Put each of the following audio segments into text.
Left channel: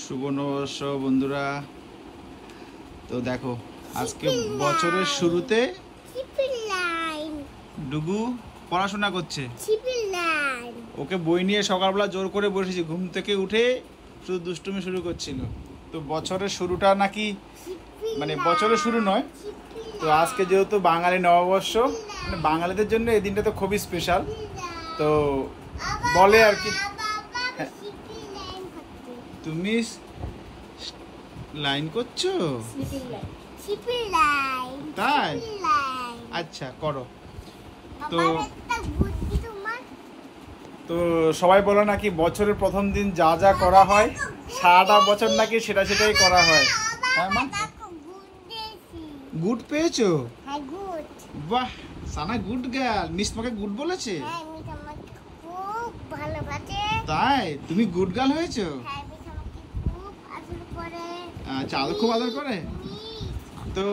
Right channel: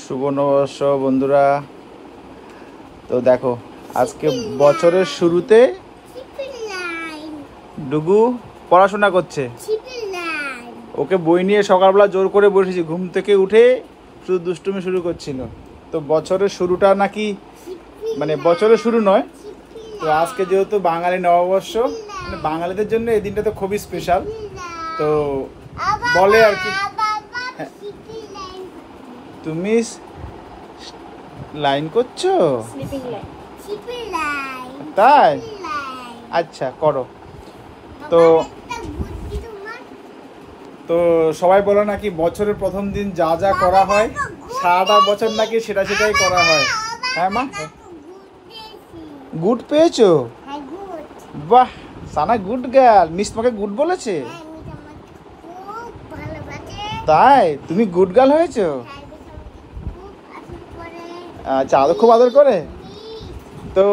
শুভ নববর্ষ বন্ধুরা। তো দেখো আজকে বছরের শুরুতে ডুগু পড়াশোনা করছে। ওকে বই নিয়ে সকালবেলা জোর করে বসেছি, ঘুম থেকে উঠে শুধু দুষ্টুমি শুরু করছিল। তো বছরের শুরুটা নাকি মানে বছরের শুরু নয়, তো আজকে যেহেতু বাঙালি নববর্ষ, মানে বাঙালিদের জন্য এই দিনটা তো খুবই স্পেশাল। তো বলে আর কি, তুমি লাইন করছো? তাই? আচ্ছা করো। তো তো সবাই বলে নাকি বছরের প্রথম দিন যা যা করা হয় সারাটা বছর নাকি সেটাই করা হয়। হ্যাঁ মা, গুড পেয়েছো? বাহ, সানা গুড গার্ল। মিস তোমাকে গুড বলেছে? তাই? তুমি গুড গার্ল হয়েছো? আচ্ছা, আদর খুব আদর করে। তো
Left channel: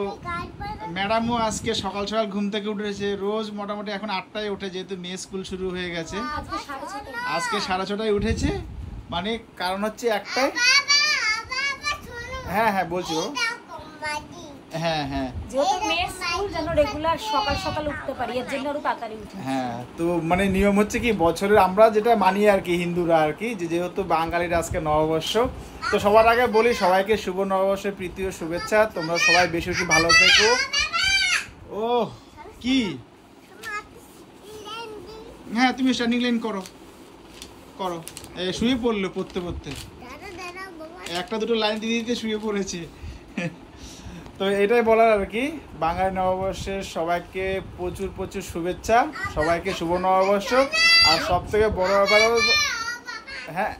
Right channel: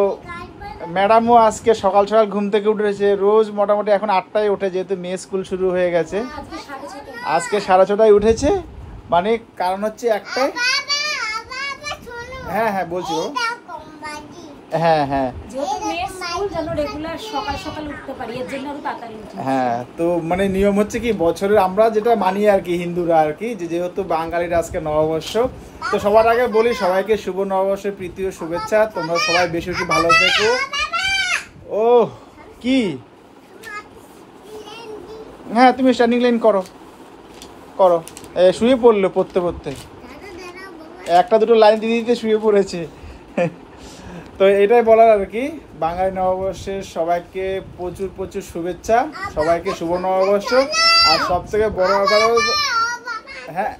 ম্যাডামও আজকে সকাল সকাল ঘুম থেকে উঠেছে। রোজ মোটামুটি এখন 8টায় ওঠে, যেহেতু মেয়ে স্কুল শুরু হয়ে গেছে। আজকে 6:30টায় উঠেছে, মানে কারণ হচ্ছে একটাই। হ্যাঁ হ্যাঁ বলছি। হ্যাঁ হ্যাঁ হ্যাঁ, তো মানে নিয়ম হচ্ছে কি, বছরের আমরা যেটা মানি আর কি হিন্দুরা আর কি, যেহেতু বাঙালির আজকে নববর্ষ, তো সবার আগে বলি সবাইকে শুভ নববর্ষের প্রীতি ও শুভেচ্ছা। তোমরা সবাই বেশি বেশি ভালো থেকো। ও কি? হ্যাঁ তুমি স্ট্যান্ডিং লাইন করো করো। শুয়ে পড়লো পড়তে পড়তে, একটা দুটো লাইন দিতে দিতে শুয়ে পড়েছে। তো এটাই বলার আর কি, বাঙালি নববর্ষের সবাইকে প্রচুর প্রচুর শুভেচ্ছা, সবাইকে শুভ নববর্ষ। আর সব থেকে বড় ব্যাপার, হ্যাঁ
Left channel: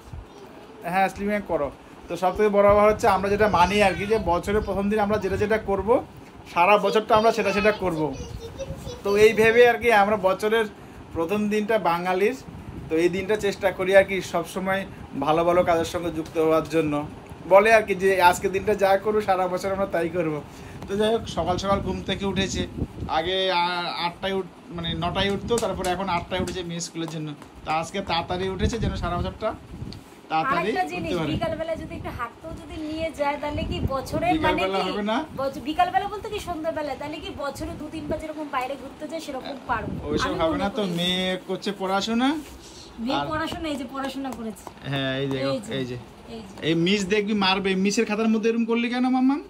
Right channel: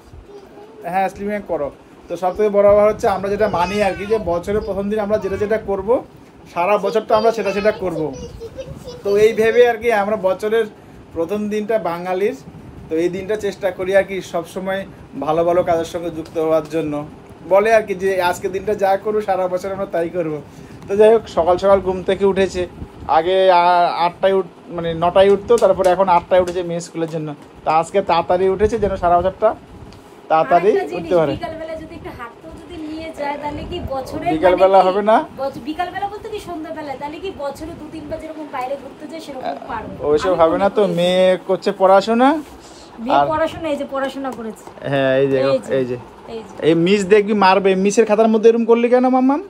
হ্যাঁ স্লিমিং করো। তো সব থেকে বড় ব্যাপার হচ্ছে আমরা যেটা মানি আর কি, যে বছরের প্রথম দিন আমরা যেটা করব সারা বছরটা আমরা সেটা করব। তো এই ভেবে আর কি আমরা বছরের প্রথম দিনটা বাঙালির, তো এই দিনটা চেষ্টা করি আর কি সবসময় ভালো ভালো কাজের সঙ্গে যুক্ত হওয়ার জন্য। বলে আর কি যে আজকের দিনটা যা করবো সারা বছর আমরা তাই করব। তো যাই হোক, সকাল সকাল ঘুম থেকে উঠেছে। আগে 8টায় মানে 9টায় উঠতো, তারপরে এখন 8টায় উঠেছে মেয়ে স্কুলের জন্য। তা আজকে তাড়াতাড়ি উঠেছে যেন সারা বছরটা তাড়াতাড়ি উঠতে পারে। বিকালবেলা যদি একটু হাঁটতেও যদি নিয়ে যায় তাহলে কি বছরের বিকালবেলা হবে না, বিকালবেলা বলতে কি সন্ধ্যাবেলা, তাহলে কি বছরে 2-3 বার যেরকম বাইরে ঘুরতে যায় সেরকম পারবো। ওইসব হবে না। তো মেয়ে করছে পড়াশোনা, মেয়ে পড়াশোনা, এই যে পড়াশোনা করেছে। হ্যাঁ এই যে এই যে এই মিস দেখবি মারবে। মিসের খাতার মধ্যে এরকম করলি কেন মাম্মাম?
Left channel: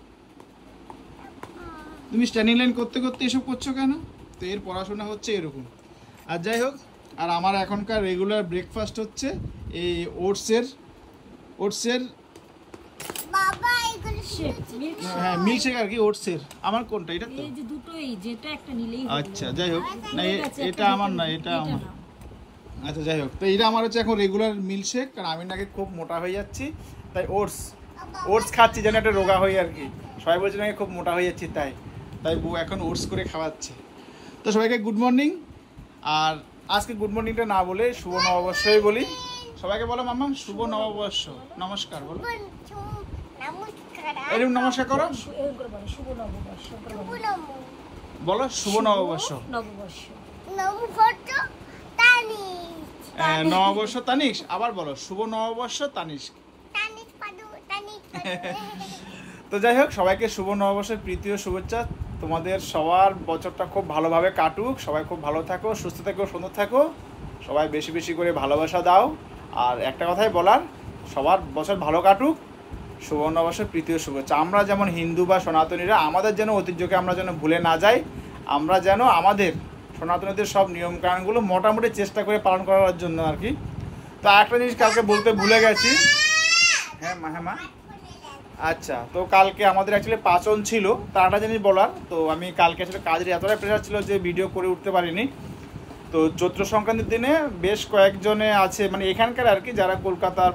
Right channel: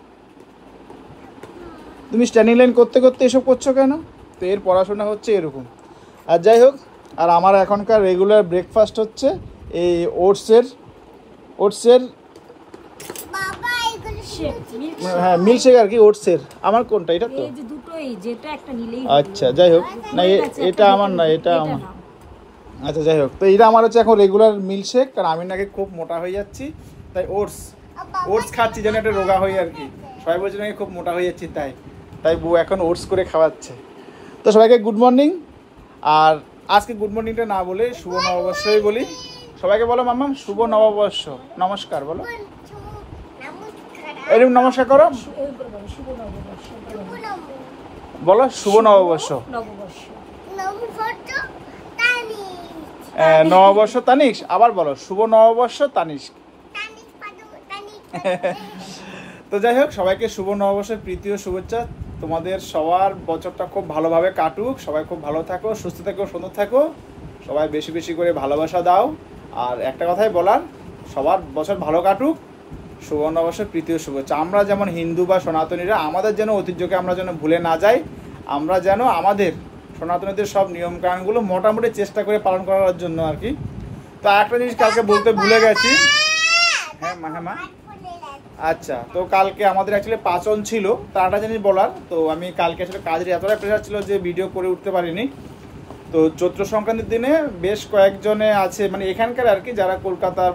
তুমি স্ট্যান্ডিং লাইন করতে করতে এসব করছো কেন? তো এর পড়াশোনা হচ্ছে এরকম। আর যাই হোক, আর আমার এখনকার রেগুলার ব্রেকফাস্ট হচ্ছে এই ওটসের হ্যাঁ মিল্কশেক আর কি, ওটসের। আমার কোনটা? এটা তো দুটোই, যেটা একটা নিলেই। আচ্ছা যাই হোক, না এটা আমার না, এটা আমার। আচ্ছা যাই হোক, তো এটা আমার হচ্ছে এখন রেগুলার মিল্কশেক। কারণ আমি নাকি খুব মোটা হয়ে যাচ্ছি, তাই ওটস খাচ্ছি যেন একটা রোগা হই আর কি। সবাই বলছে নাকি খুব মোটা হয়ে যাচ্ছি, তাই বউ এখন ওটস করে খাওয়াচ্ছে। তো সবাইকে গুড মর্নিং। আর আজকে গুড মর্নিংটা না বলে শুভ নববর্ষই বলি। সবাইকে বলো মামা শুভ নববর্ষ, নমস্কার বলো। এরকম নমস্কার করো, বলো শুভ নববর্ষ। নববর্ষ তানিশ, আবার বলো শুভ নববর্ষ তানিশ। তো যাই হোক, সবাইকে শুভ নববর্ষের প্রীতি ও শুভেচ্ছা। তোমাদের সবার বছরটা খুব ভালোভাবে কাটুক, সবাই খুব ভালো থাকো, সুস্থ থাকো, সুন্দর থাকো। সবাই বেশি বেশি করে ভালোবাসা দাও। আর একটা কথাই বলার, সবার বছর ভালো কাটুক, শুভ নববর্ষের প্রীতি ও শুভেচ্ছা। আমরা যেমন হিন্দু বা সনাতনীরা, আমাদের যেন ঐতিহ্যকে আমরা যেন ভুলে না যাই। আমরা যেন আমাদের সনাতনীদের সব নিয়মকানুনগুলো মোটামুটি চেষ্টা করে পালন করার জন্য আর কি। তো আরেকটা জিনিস কালকে বলতে ভুলে গেছি। হ্যাঁ মা, হ্যাঁ মা। আচ্ছা, তো কালকে আমাদের অ্যাকচুয়ালি পাচন ছিল, তার একটা জিনিস বলার। তো আমি কালকে আসলে কাজের এতটাই প্রেশার ছিল যে ভিডিও করে উঠতে পারিনি। তো চৈত্র সংক্রান্তির দিনে বেশ কয়েকজনে আছে, মানে এখানকার আর কি, যারা কলকাতার,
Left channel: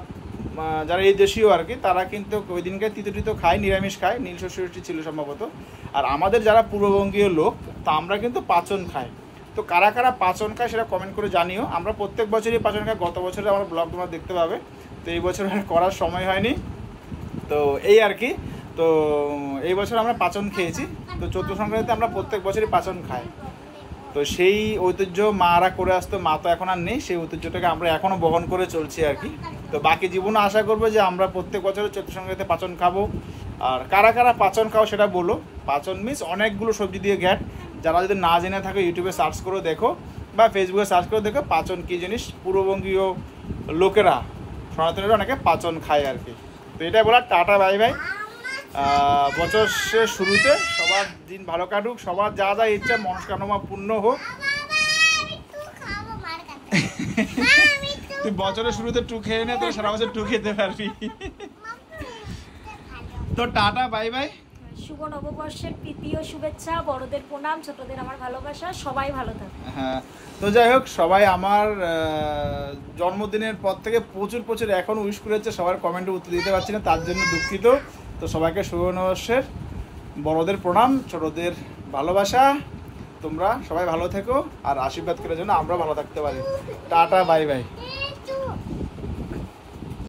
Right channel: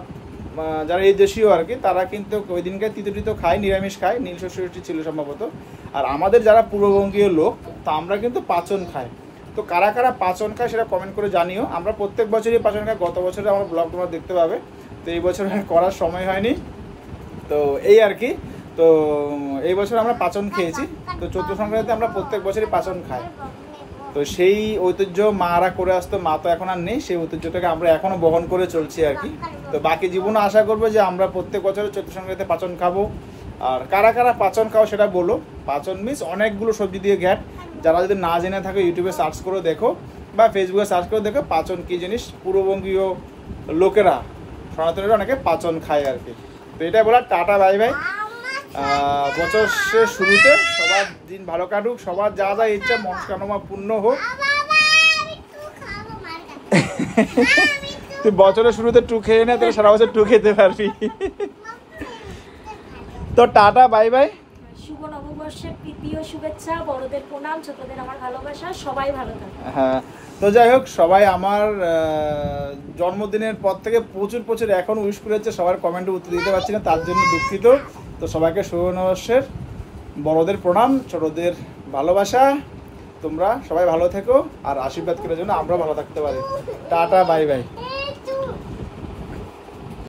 যারা এই দেশীয় আর কি, তারা কিন্তু ওই দিনকে তিতো খায়, নিরামিষ খায়, নীল ষষ্ঠী ছিল সম্ভবত। আর আমাদের যারা পূর্ববঙ্গীয় লোক, তা আমরা কিন্তু পাচন খাই। তো কারা কারা পাচন খায় সেটা কমেন্ট করে জানিও। আমরা প্রত্যেক বছরই পাচন খাই, গত বছরে আমার ব্লগ তোমরা দেখতে পাবে। তো এই বছর করার সময় হয়নি, তো এই আর কি। তো এই বছর আমরা পাচন খেয়েছি। তো চৈত্র সংক্রান্তিতে আমরা প্রত্যেক বছরই পাচন খাই। তো সেই ঐতিহ্য মারা করে আসতো, মা তো এখন আর নেই, সেই ঐতিহ্যটাকে আমরা এখনও বহন করে চলছি আর কি। তো বাকি জীবনে আশা করবো যে আমরা প্রত্যেক বছর চৈত্র সংক্রান্তিতে পাচন খাবো। আর কারা কারা পাচন খাও সেটা বলো। পাচন মিন্স অনেকগুলো সবজি দিয়ে ঘ্যাট, যারা যদি না জেনে থাকো ইউটিউবে সার্চ করে দেখো বা ফেসবুকে সার্চ করে দেখো পাচন কী জিনিস। পূর্ববঙ্গীয় লোকেরা, সনাতনীরা অনেকে পাচন খায় আর কি। তো এটাই বলার, টাটা বাই বাই। বছরের শুরুতে সবার দিন ভালো কাটুক, সবার যা যা ইচ্ছা মনস্কামনা পূর্ণ হোক। তুই বছরের শুরুতে টু খেয়ে নে, তো সারা বছর টু খেতে পারবি। তো টাটা বাই বাই। শুভ নববর্ষের প্রীতি ও শুভেচ্ছা, বড়দের প্রণাম, ছোটদের আমার ভালোবাসা, সবাই ভালো থাকো। হ্যাঁ, তো যাই হোক, সবাই আমার জন্মদিনের পর থেকে প্রচুর প্রচুর এখন উইশ করেছে, সবার কমেন্টে উত্তর দিতে পারছি না, তার জন্য দুঃখিত। তো সবাইকে শুভ নববর্ষের, বড়দের প্রণাম, ছোটদের ভালোবাসা। তোমরা সবাই ভালো থেকো আর আশীর্বাদ করার জন্য আমরা ভালো থাকতে পারি। Tata bye bye.